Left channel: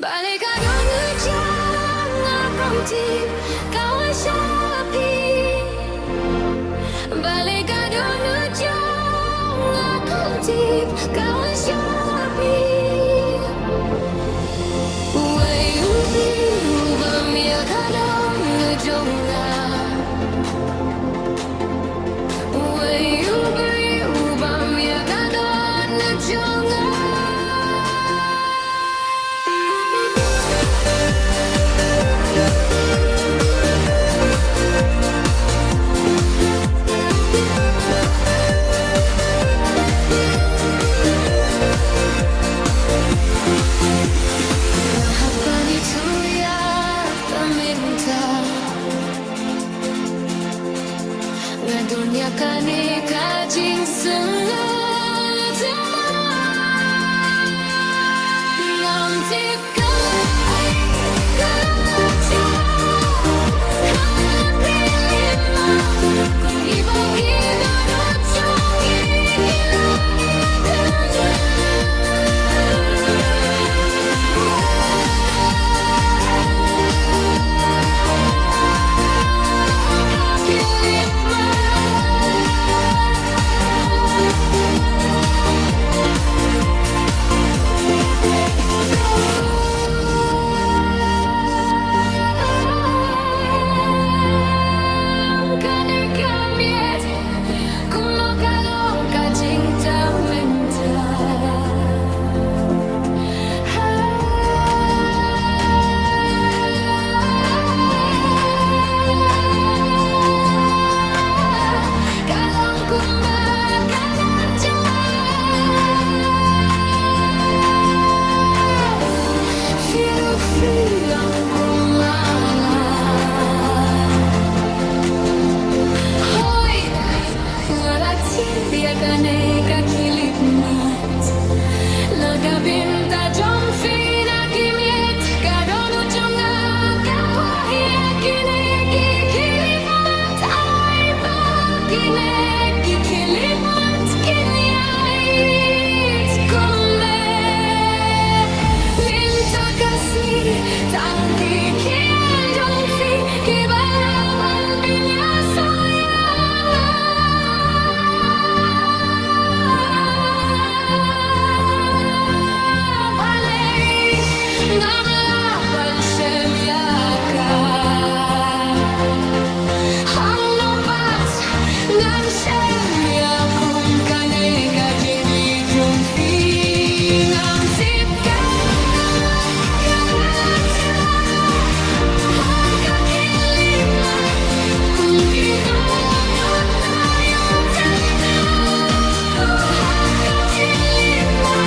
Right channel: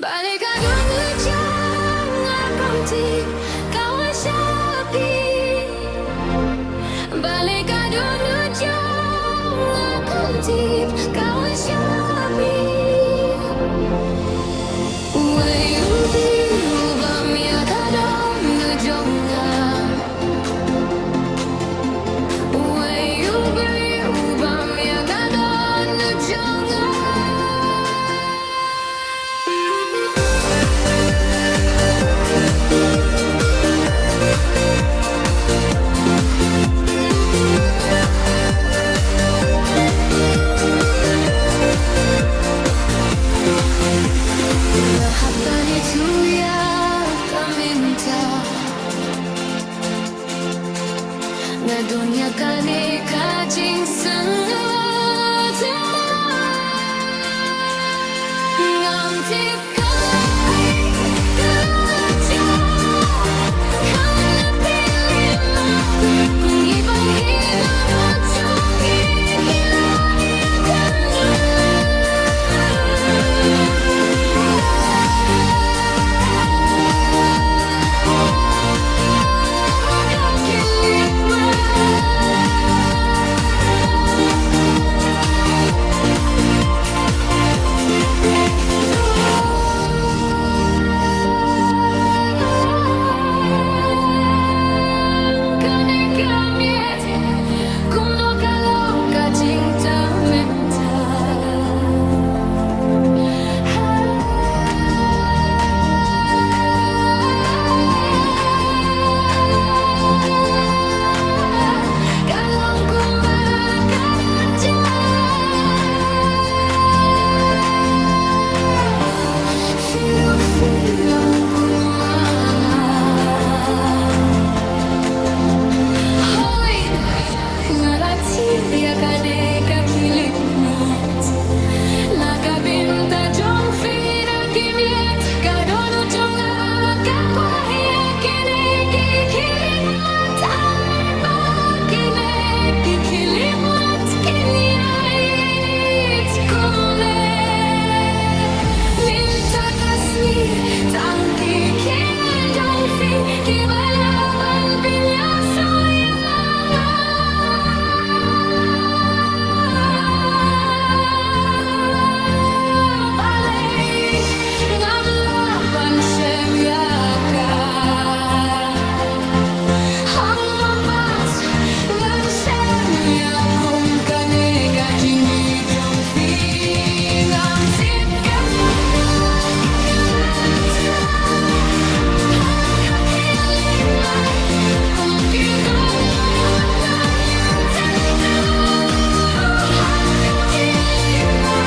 Balik aku ngejang akan tip kau sapi. Balik aku ngejang akan tip kau sapi. Way ubi ubam ya kada ngejang. Way ubi ubam ya kada ngejang. Apa itu yang kau minta? Ngadunyakan kajing sengat ngam tip kai kalaja kau pilih mah kung ibagi dono chongi kilanya kanu. Cinta minta kalau kumbakar aja hidup yang kumangan hoy ngalati dia kane kakilip mat nakabinta jong fina kimiet kadonu jonga kapwahia kine kikilip mat ay ba kine kikilip mat kinyait kumne minta kasih tangki kiendong fi kibalaban pinyasa Semyaka Hang nopat Ngan semyakum Kane kajingi jung fi Ngam tip kalaja Hang kakilip na Kung kita notayang tanda Hang kakilip na